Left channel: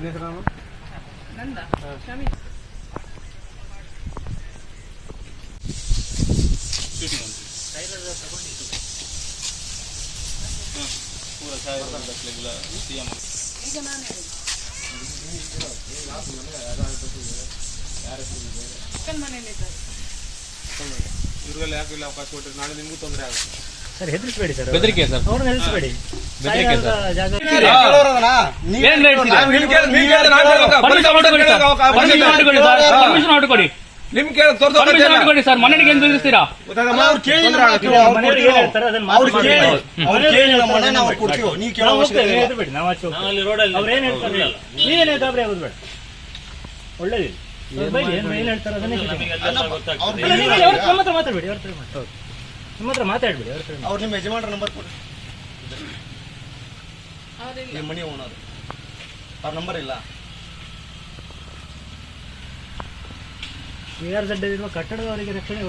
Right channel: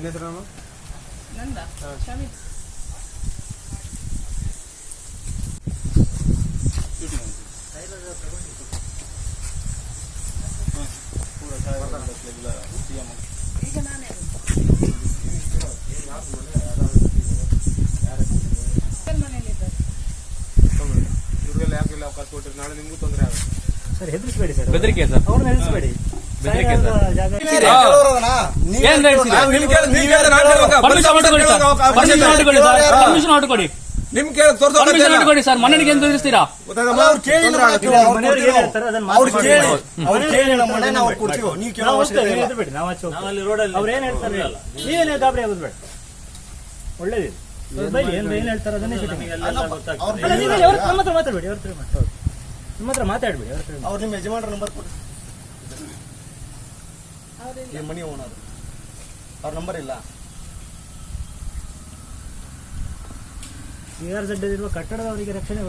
ನಿನ್ನ ಹೆಸರು? ನಂದ ಶಮಿ. ಈಗ ನಾನೇ ಮನೇಲಿದ್ದಾರೆ. ಇವ್ರಿಗೆಲ್ಲ ಯಾಕೆ ಅವಕಾಶ ಕೊಟ್ಟರೆ ನಾಳೆ ನಿಮಗೂ ತೊಂದರೆ ಆಗುತ್ತೆ ಸರ್. ಹೆದರಿಸಬೇಡಿ ಸರ್, ಬೆದರಿಕೆ ಸರ್, ಅವ್ರನ್ನ ಹೆದರಿಸಬೇಡಿ. ನಿಮ್ ಕೇಳಿ ಸರ್, ಮನೆಗೆ ಏನು ಬೆದರಿಸ್ತೀರಾ? ಒಳ್ಳೇದು ಏನ್ ಹೇಳ್ತಾರ ಮಾತಾಡ್ಬೇಡಿ. ನಿಮ್ಮ ಹತ್ರ ಮಾತಾಡ್ಬೇಡಿ. ಅವ್ರು ನಿಮ್ಮ ಯಜಮಾನ್ರ ನಂಬರ್ ಕೊಡಿ. ನಿಮ್ಮ ಮನಿ ಓನರ್ ಅವ್ರ ನಂಬರ್ ಇಲ್ಲ. KRZ ಇರುವ ಕಟ್ಟಡದವರಿಗೆ ರಕ್ಷಣೆ